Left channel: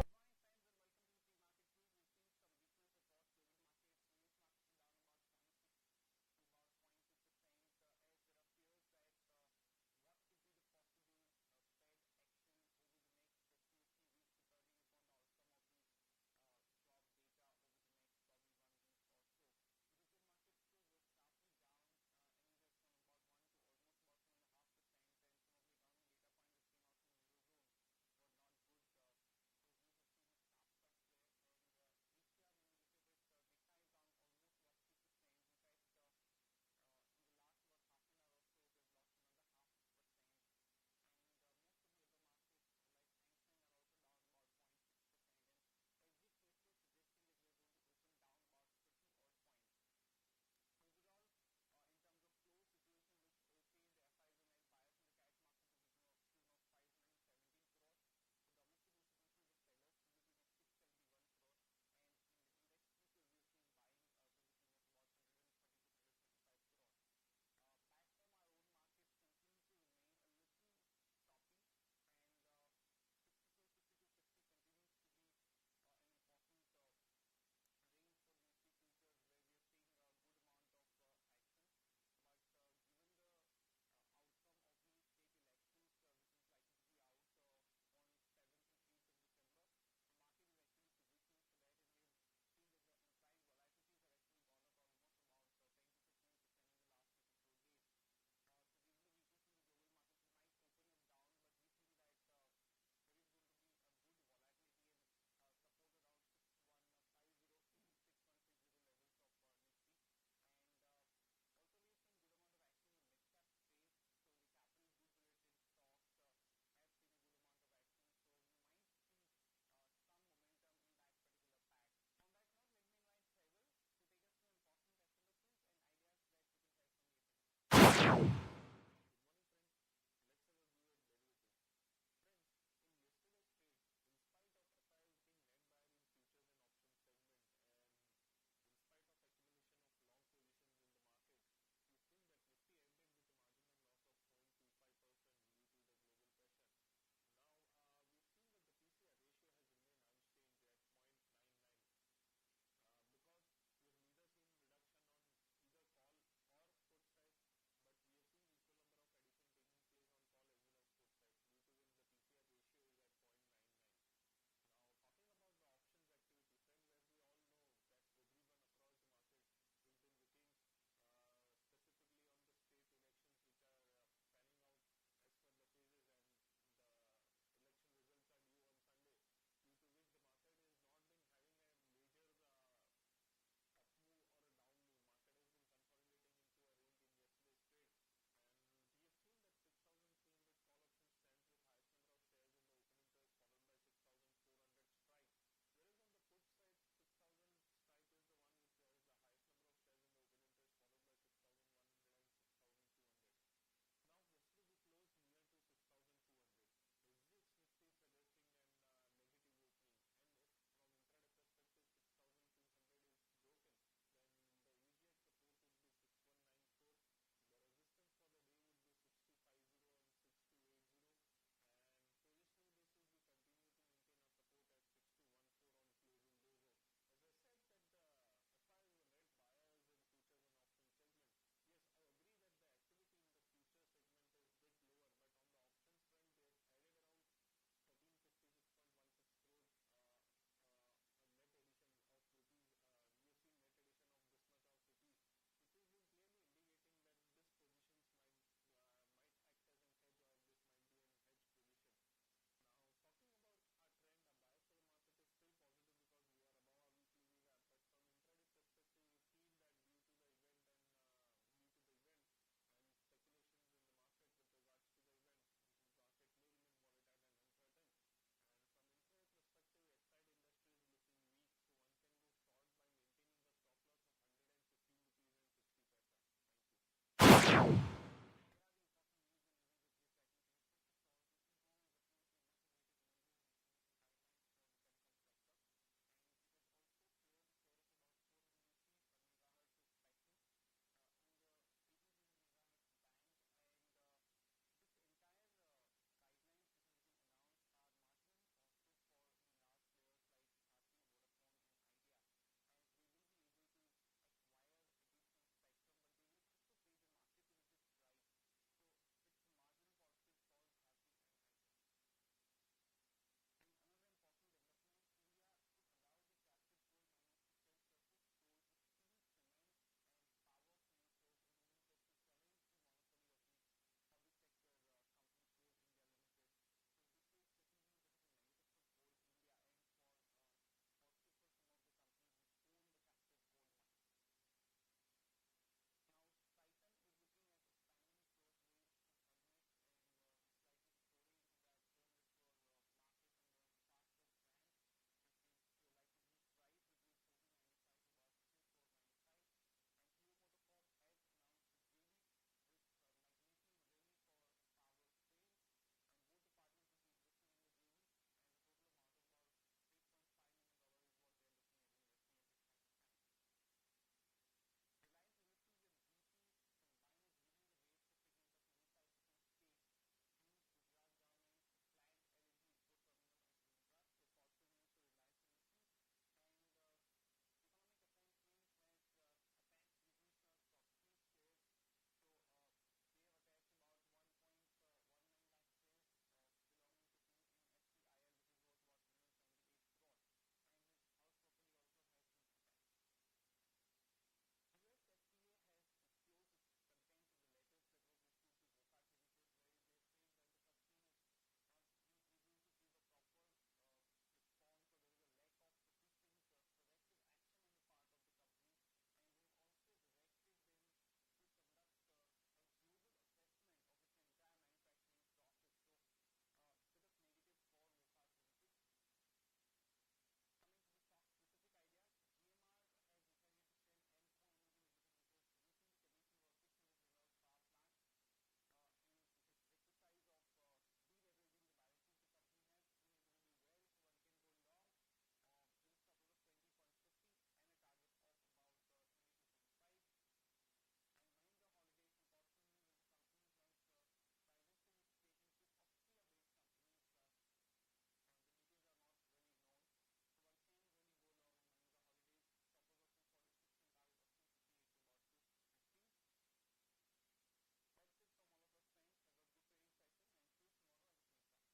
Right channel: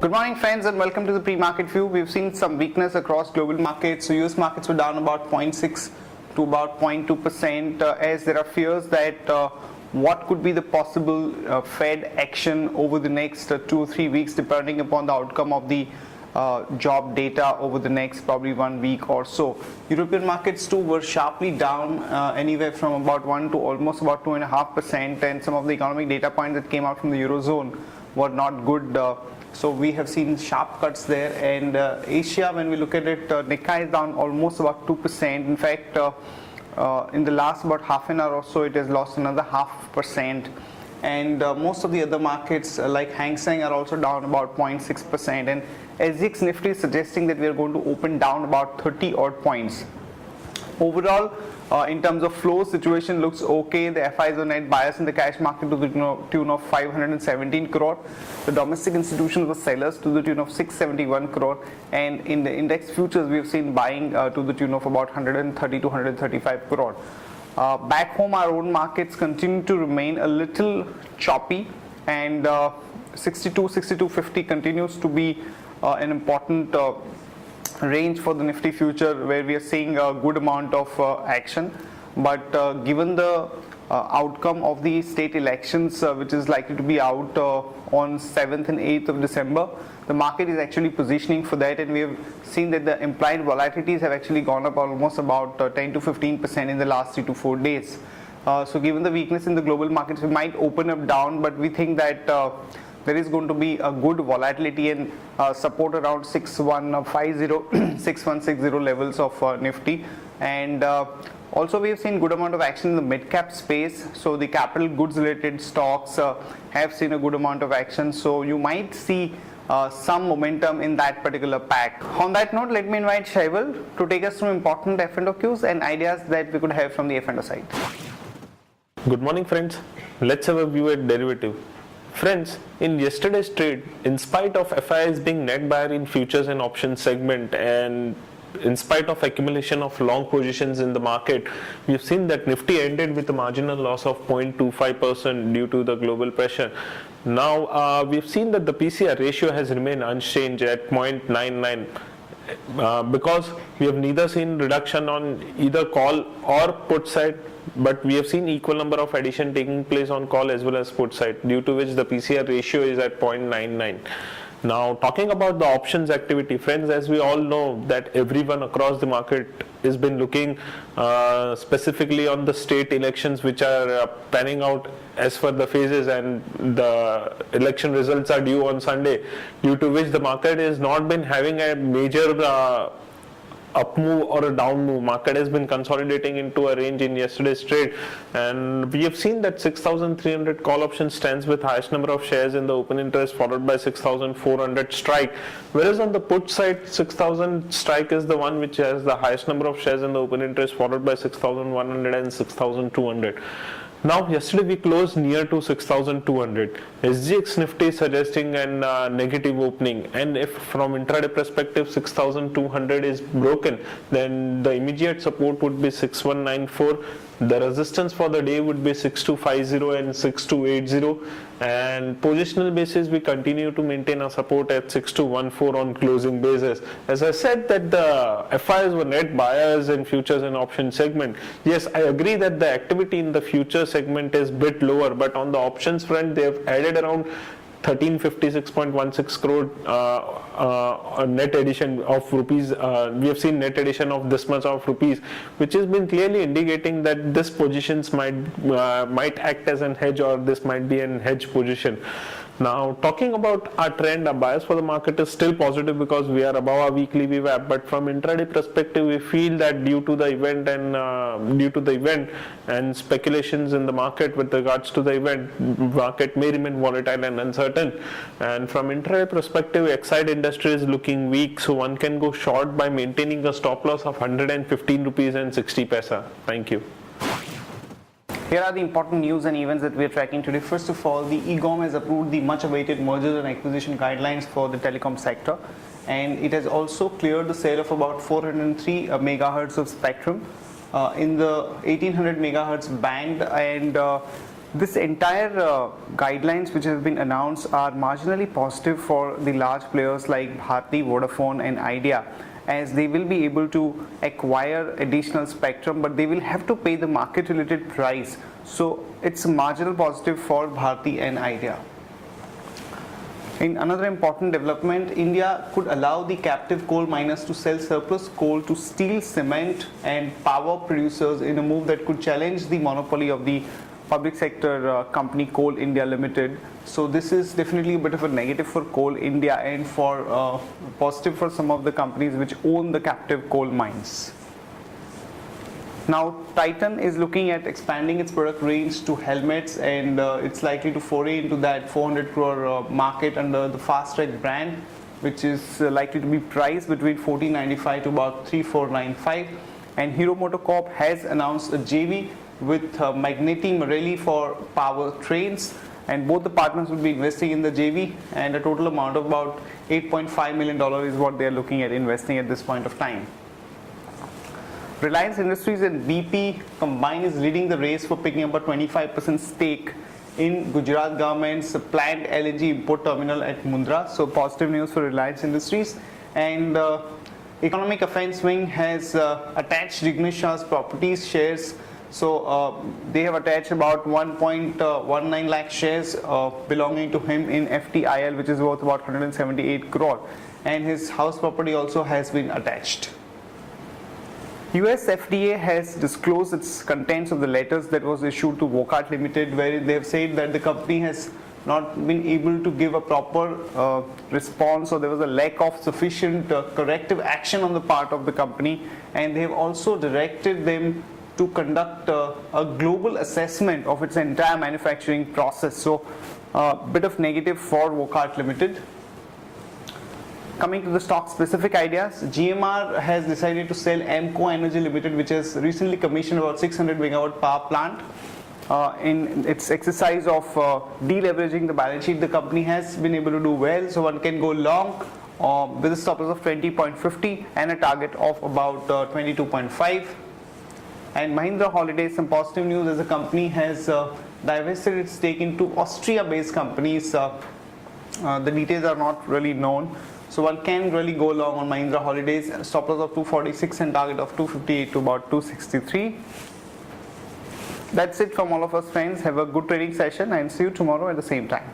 Good morning friends and welcome to the pre-market view. We've seen some weakness across global markets. So US markets were down about 0.6 to about 0.2% as there are fears that what could be the possible Fed action over the next 2 or 3 weeks depending upon the outcome of the job data over the next probably 1 week or so. European markets too were sharply down anywhere from about 1 to almost about 2.5%, and some of the economic data points that came out from the Eurozone were not good. So we have seen sharp cuts there, and Asia, when we look at it, Nikkei is down almost about 2%. In fact, in the last about half an hour or so, it has lost another 0.5%. And most of the other markets like Hang Seng are also down about 0.6%. And SGX Nifty is suggesting that we are going to open down about 30 odd points. Overall, in terms of flow, situation looks okay. The FIs were net buyers in the cash market to the tune of 517 crore. The domestic institutions were sellers to the tune of 671 crore. And in the index futures, we have seen buying to the tune of about 130 to 135 crore. Back home, our own markets continue to remain a little choppy, and 62.50 continues to be an important range for the Nifty future, where we are seeing a good amount of action. But given the outcome of the state elections, which is likely to be out on 7th and 8th of December, the market is actually positioning for that, and we have seen that the implied volatilities have actually gone up almost about 10 to 15% in the last 3 to 4 days. So given the weakness in the global markets, we might open up down, but we think that there is going to be a good volatility and support around 6150 6160 levels of Nifty. And also we have seen good amount of action in the mid cap space, so the capital goods related stocks have seen a good amount of action, so you might see some momentum in that particular pack. On that note, let me invite Shaival to take us through important F&O cues and ideas that we could have from the F&O side. Good morning friends, let's have a view at derivative. Friends, in yesterday's trade, in spite of FIs being net buyer in futures and options segment, and in spite of accumulation of long positions in the market, we've seen that Nifty ended with a marginal loss of 0.25% due to the global pressure. Now, we've seen that the PCR ratio has remained unchanged at 0.99. Because we have neither seen reduction on either call or put side, but we have seen equal number of addition taking place on call as well as put side, due to which the PCR ratio is at 0.99. Now, talking about the options activity, friends, as we all know that everyone across the market has been looking specifically on the state elections which are panning out as per the phases, and the election results are due on Sunday, due to which the market has not been having a major up move or a down move. Market has been consolidating into a range in yesterday's trade, and we have seen that 6,300 call option stands with highest number of shares in the open interest, followed by 6,400 strike, whereas on the put side 6,000 strike is the one which has the highest number of shares in the open interest, followed by 6,100 and 6,200. Now, yesterday we closed near to 6,200. SGX Nifty is suggesting a negative opening, and if from intraday perspective 6,200 is broken, then the immediate support would be 6,194. The resistance for the day would be 6,250 and 6,280, and positional basis we continue to maintain a support at 6,214 on closing basis. As I said that the FIs were net buyers in futures and option segment. Yes, I agree that the activity in the future segment is bit lower, but on the options front they have added around 1356.16 crore net addition of rupees. We have seen net addition of this much of rupees, which has been clearly indicating that this positions might act as an hedge, or this might be an hedge position. Now, talking about our trend, our bias for the market is still positive because we are above our weekly VWAP. But from intraday perspective, we feel that due to the event and speculations in the market with regards to the event, market may remain volatile and uncertain. And from intraday perspective, Exide industry is looking weak, so one can go short by maintaining a stop loss of 115 rupees and 60 paisa. Thank you. Here are the important news and events that we are tracking today. First of all, the EGOM has approved the much awaited mergers and acquisition guidelines for the telecom sector, and it has also cleared the sale of about 403 megahertz of spectrum in the 1800 megahertz band, and This entire guidelines which have been announced are marginally positive for the large players like Bharti, Vodafone and Idea, as they will be able to acquire additional spectrum, but they will have to pay the market related price. So it's a marginal positive for Bharti and Idea. In another important development, India could allow the captive coal miners to sell surplus coal to steel, cement and power producers in a move that could challenge the monopoly of the public sector company Coal India Limited. So this is definitely a bit of a negative for Coal India and for positive for some of the companies which own the captive coal mines. Now Titan is looking at expanding its product range to helmets, and it's likely to foray into that 400 crore market under the Fast Track brand, which is likely to be priced between 1495 to about 3495. And Hero MotoCorp has announced a JV with Magneti Marelli for power trains, and both the partners will be investing in the JV, and a total amount of about $8.5 million is what they are looking at investing at this point of time. Reliance Industries and BP combined is leading the race for picking up a 25% stake in Gujarat government's planned LNG import terminal at Mundra. So positive news for Reliance Industries. And Economic Affairs Wing has attached Jignesh Shah's properties shares. So they have attached about 1.19 lakh shares belonging to him in FTIL, which is worth about 178 crore, and his house property also has been attached. US FDA has disclosed its contents of the letters that was issued to Wockhardt Limited, where they have said that the company has not been able to give a proper response, or there was a lack of sufficient corrective action on the part of the company, and they have also directed them to conduct a global assessment of its entire manufacturing process. So a bit of negative for Wockhardt Limited. Coming to the stock specific ideas, GMR has decided to sell Amco Energy Limited, which has recently commissioned about 600 megawatt power plant. In its exercise of deleveraging the balance sheet, the company has been able to do well, so one can go long with a stop loss of 20.50 and a target of about 22.5. And Mahindra Holidays, some positive news, as the company has divested its stake into Austria-based companies. The details are not really known, so one can really go long on Mahindra Holidays. Stop loss of 246 and target of 258 to about 263. That's it from all of us, friends. Have a good trading session and see you tomorrow at the same time.